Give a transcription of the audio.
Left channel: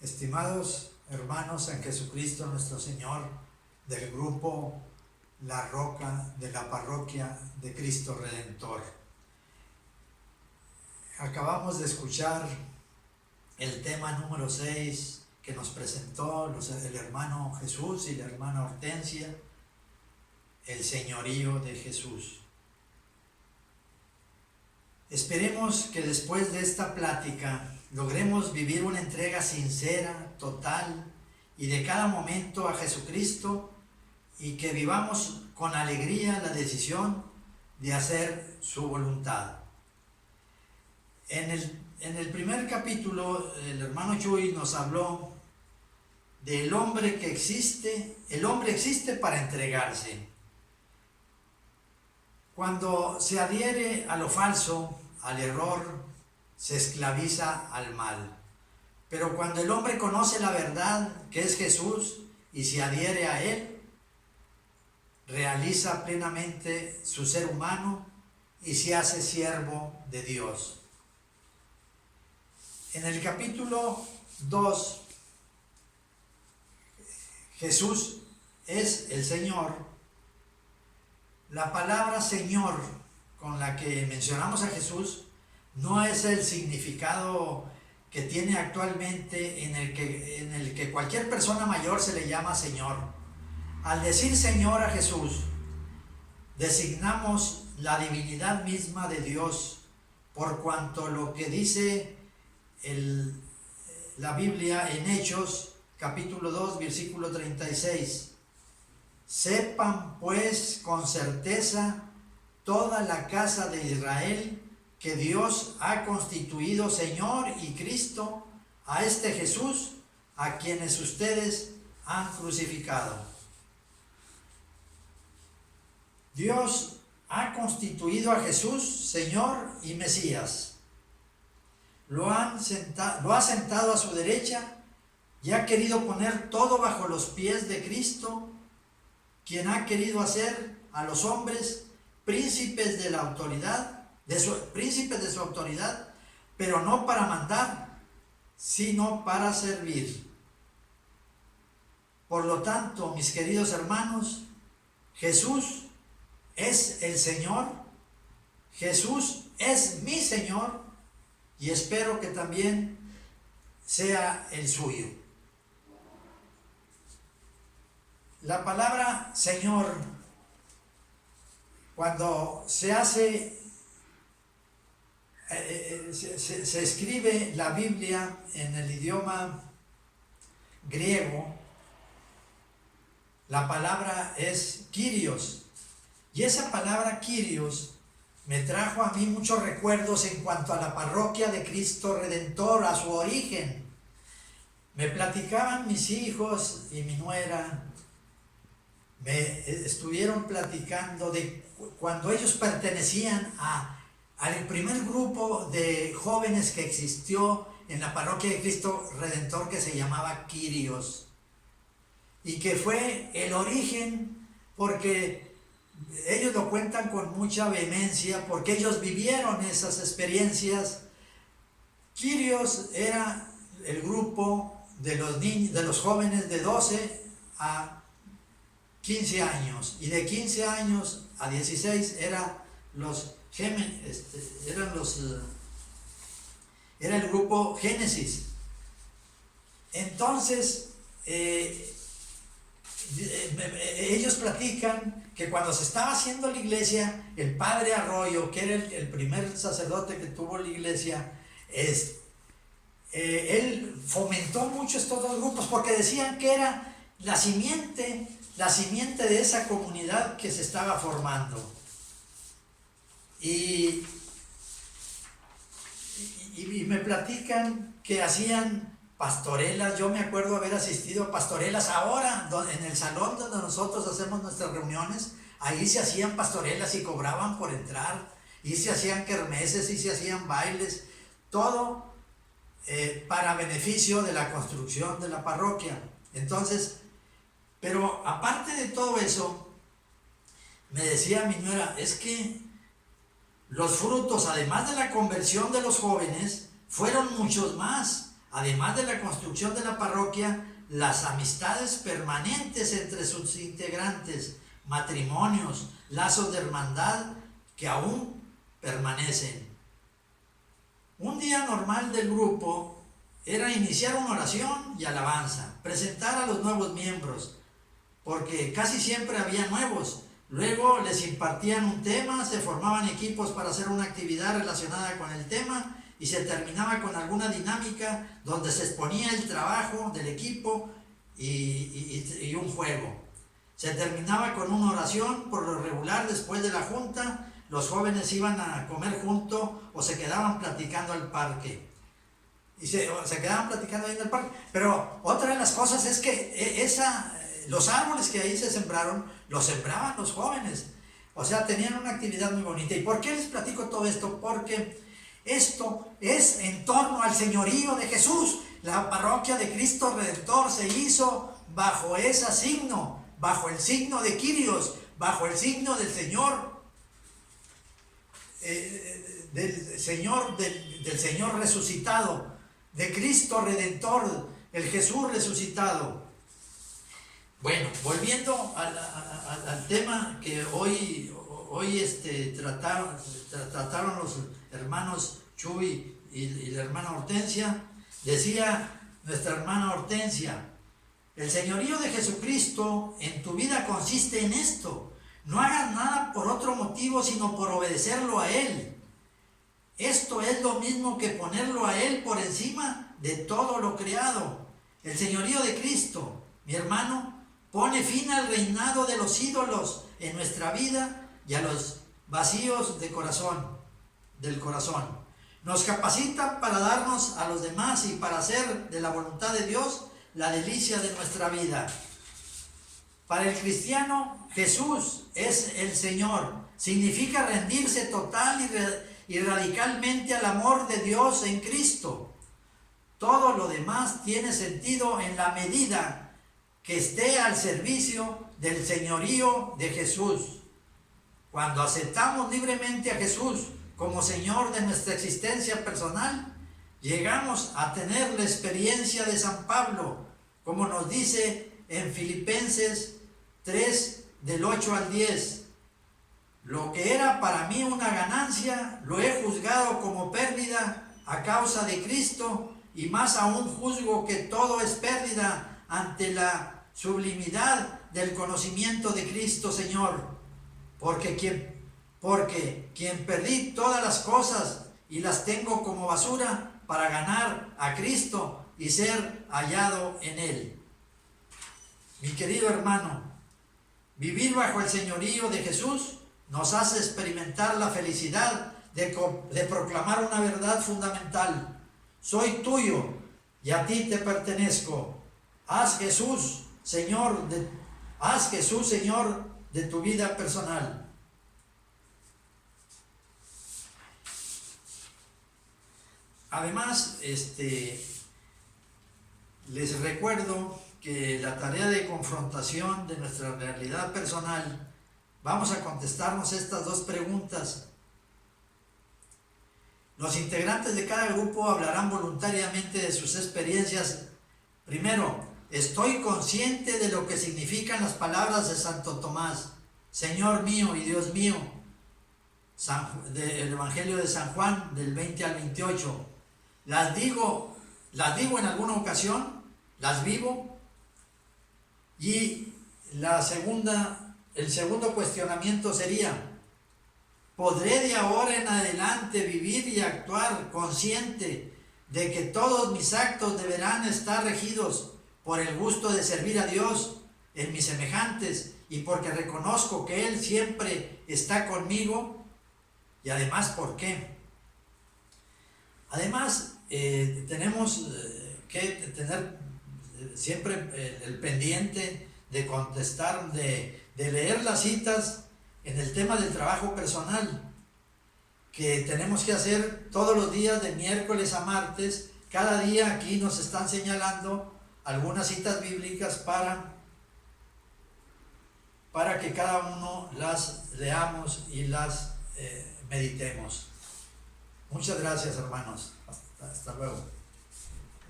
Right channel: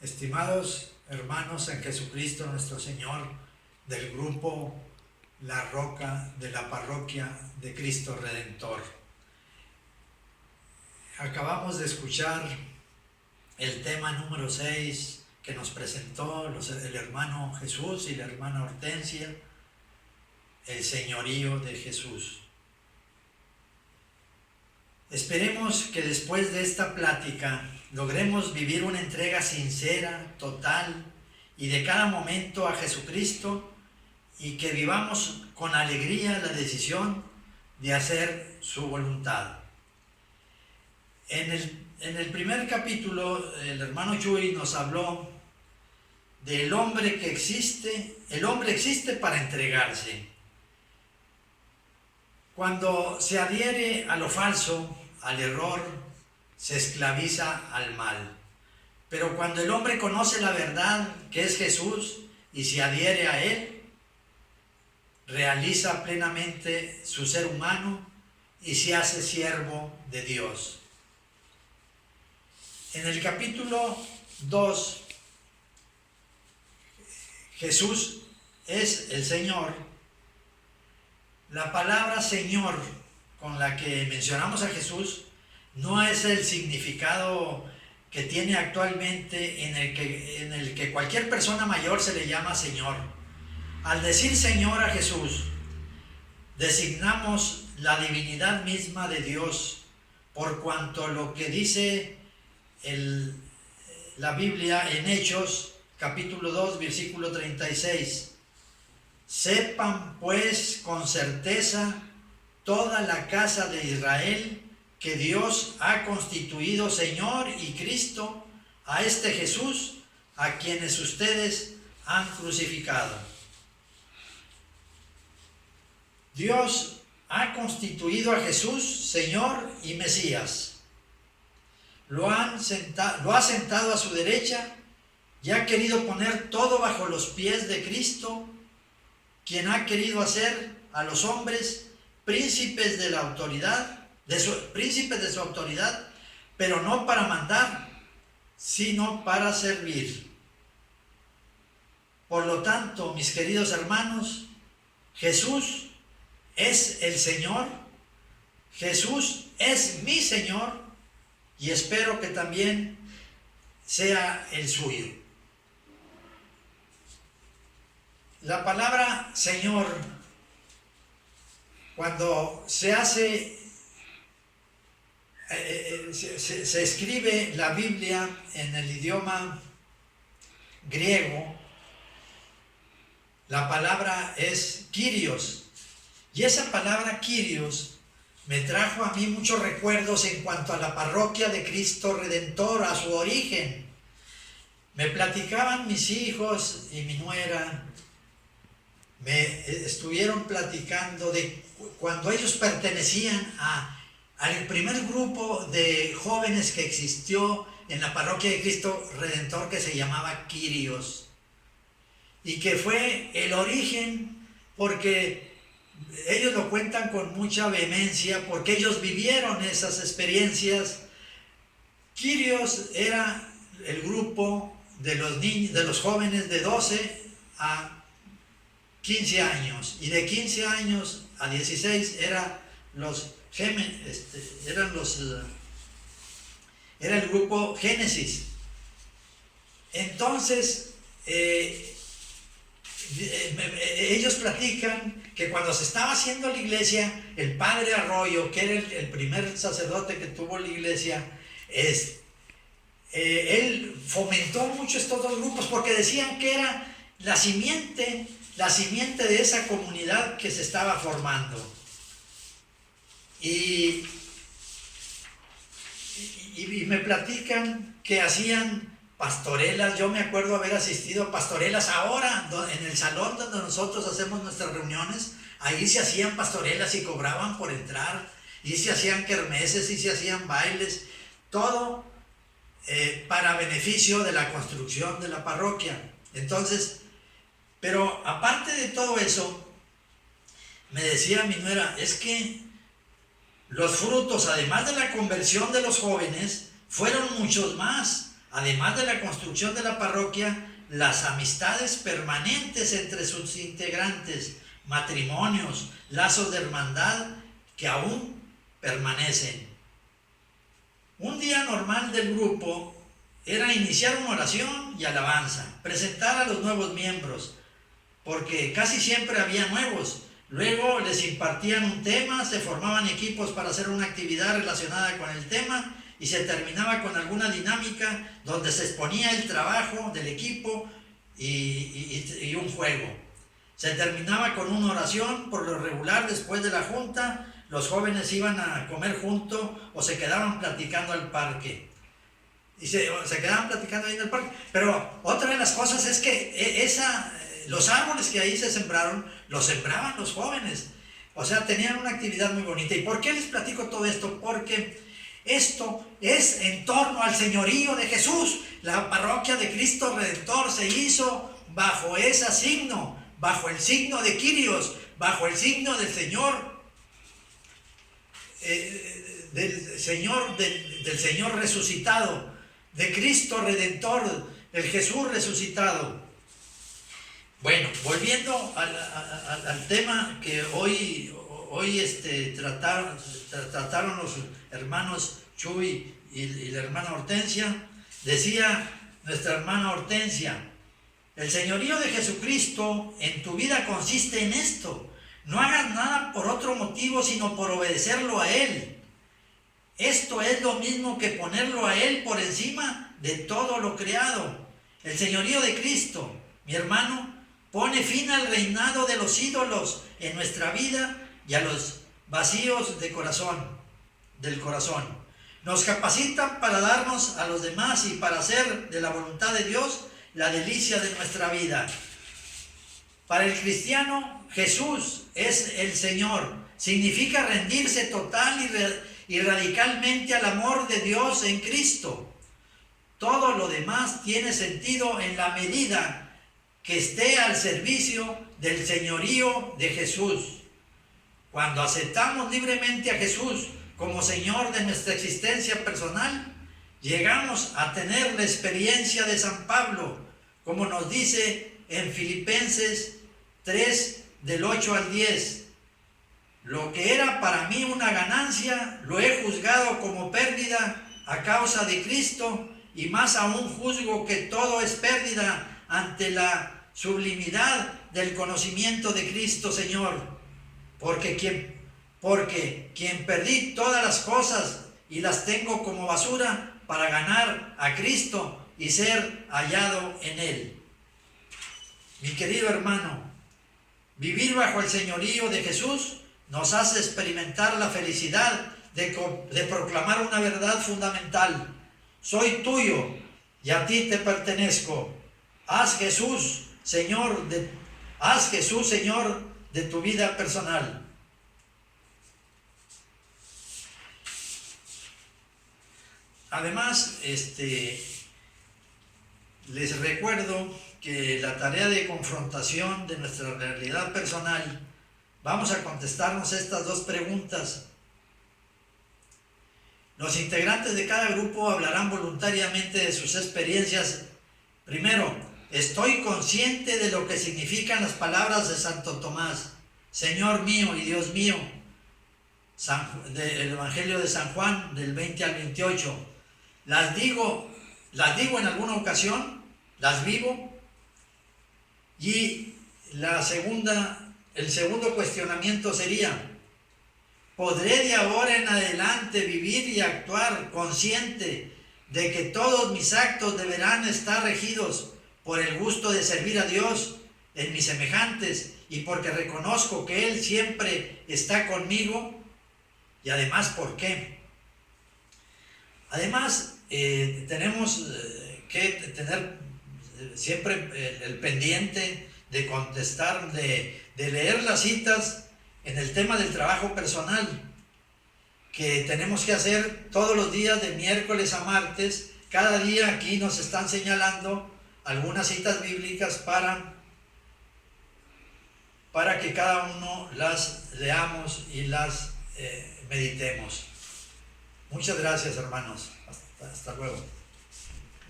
Estimados hermanos en Jesucristo nuestro Señor, del grupo La Roca de la Parroquia de Cristo Redentor. Acabamos de escuchar el tema número 6 que nos presentó el hermano Jesús y la hermana Hortensia, el señorío de Jesús. Esperemos que después de esta plática logremos vivir una entrega sincera, total y de cada momento a Jesucristo, y que vivamos con alegría la decisión de hacer su voluntad. En el primer capítulo, el hermano Chuy nos habló del hombre que existe. El hombre existe para entregarse. Cuando se adhiere a lo falso, al error, se esclaviza al mal. Pero cuando el hombre conoce la verdad, que es Jesús, y se adhiere a Él, realiza plenamente su ser humano y se hace siervo de Dios. En el capítulo 2, Jesús es el Señor. La palabra Señor con la que mencionamos a Jesús no es el significado que tiene actualmente en el que cualquier persona mayor se le llama Señor. Al decir Señor a Jesús, designamos la divinidad misma de Dios, por cuanto lo que dice la Biblia en Hechos, capítulo 2, versículo 36. Sepan pues con certeza toda la casa de Israel que Dios ha constituido Señor y Cristo a este Jesús, a quienes ustedes han crucificado. Dios ha constituido a Jesús Señor y Mesías. Lo ha sentado a su derecha y ha querido poner todo bajo los pies de Cristo, quien ha querido hacer a los hombres príncipes de la autoridad, príncipes de su autoridad, pero no para mandar, sino para servir. Por lo tanto, mis queridos hermanos, Jesús es el Señor, Jesús es mi Señor, y espero que también sea el suyo. La palabra Señor, cuando se escribe la Biblia en el idioma griego, la palabra es Kyrios, y esa palabra Kyrios me trajo a mí muchos recuerdos en cuanto a la parroquia de Cristo Redentor, a su origen. Me platicaban mis hijos y mi nuera, me estuvieron platicando de cuando ellos pertenecían al primer grupo de jóvenes que existió en la parroquia de Cristo Redentor, que se llamaba Kyrios, y que fue el origen, porque ellos lo cuentan con mucha vehemencia, porque ellos vivieron esas experiencias. Kyrios era el grupo de los jóvenes de 12 a 15 años, y de 15 años a 16 era el grupo Génesis. Entonces, ellos platican que cuando se estaba haciendo la iglesia, el padre Arroyo, que era el primer sacerdote que tuvo la iglesia, él fomentó mucho estos dos grupos, porque decían que era la simiente de esa comunidad que se estaba formando. Y me platican que hacían pastorelas. Yo me acuerdo haber asistido a pastorelas ahora, en el salón donde nosotros hacemos nuestras reuniones. Ahí se hacían pastorelas y cobraban por entrar, y se hacían kermeses y se hacían bailes, todo para beneficio de la construcción de la parroquia. Entonces, pero aparte de todo eso, me decía mi nuera, es que los frutos, además de la conversión de los jóvenes, fueron muchos más. Además de la construcción de la parroquia, las amistades permanentes entre sus integrantes, matrimonios, lazos de hermandad que aún permanecen. Un día normal del grupo era iniciar una oración y alabanza, presentar a los nuevos miembros, porque casi siempre había nuevos. Luego les impartían un tema, se formaban equipos para hacer una actividad relacionada con el tema y se terminaba con alguna dinámica donde se exponía el trabajo del equipo y un juego. Se terminaba con una oración. Por lo regular, después de la junta, los jóvenes iban a comer juntos o se quedaban platicando al parque. Se quedaban platicando ahí en el parque. Pero otra de las cosas es que los árboles que ahí se sembraron, los sembraban los jóvenes. O sea, tenían una actividad muy bonita. ¿Y por qué les platico todo esto? Porque esto es en torno al señorío de Jesús. La parroquia de Cristo Redentor se hizo bajo ese signo, bajo el signo de Kyrios, bajo el signo del Señor, del Señor resucitado, de Cristo Redentor, el Jesús resucitado. Bueno, volviendo al tema que hoy trataron los hermanos Chuy y la hermana Hortensia, decía nuestra hermana Hortensia: el señorío de Jesucristo en tu vida consiste en esto. No hagas nada por otro motivo sino por obedecerlo a Él. Esto es lo mismo que ponerlo a Él por encima de todo lo creado. El señorío de Cristo, mi hermano, pone fin al reinado de los ídolos en nuestra vida y a los vacíos del corazón. Nos capacitan para darnos a los demás y para hacer de la voluntad de Dios la delicia de nuestra vida. Para el cristiano, Jesús es el Señor. Significa rendirse total y radicalmente al amor de Dios en Cristo. Todo lo demás tiene sentido en la medida que esté al servicio del señorío de Jesús. Cuando aceptamos libremente a Jesús como Señor de nuestra existencia personal, llegamos a tener la experiencia de San Pablo, como nos dice en Filipenses 3, del 8 al 10. Lo que era para mí una ganancia, lo he juzgado como pérdida a causa de Cristo, y más aún juzgo que todo es pérdida ante la sublimidad del conocimiento de Cristo Señor, porque quien perdí todas las cosas y las tengo como basura para ganar a Cristo y ser hallado en Él. Mi querido hermano, vivir bajo el señorío de Jesús nos hace experimentar la felicidad de proclamar una verdad fundamental: soy tuyo y a ti te pertenezco. Haz Jesús Señor de tu vida personal. Además, les recuerdo que la tarea de confrontación de nuestra realidad personal, vamos a contestarnos estas dos preguntas. Los integrantes de cada grupo hablarán voluntariamente de sus experiencias. Primero, estoy consciente de lo que significan las palabras de Santo Tomás, Señor mío y Dios mío, del Evangelio de San Juan, del 20 al 28. Las digo en alguna ocasión, las vivo. Y el segundo cuestionamiento sería: ¿podré de ahora en adelante vivir y actuar consciente de que todos mis actos deberán estar regidos por el gusto de servir a Dios en mis semejantes y porque reconozco que Él siempre está conmigo? Y además, ¿por qué? Además, tenemos que tener siempre el pendiente de contestar, de leer las citas en el tema del trabajo personal, que tenemos que hacer todos los días de miércoles a martes. Cada día aquí nos están señalando algunas citas bíblicas para que cada uno las leamos y las meditemos. Muchas gracias, hermanos. Hasta luego.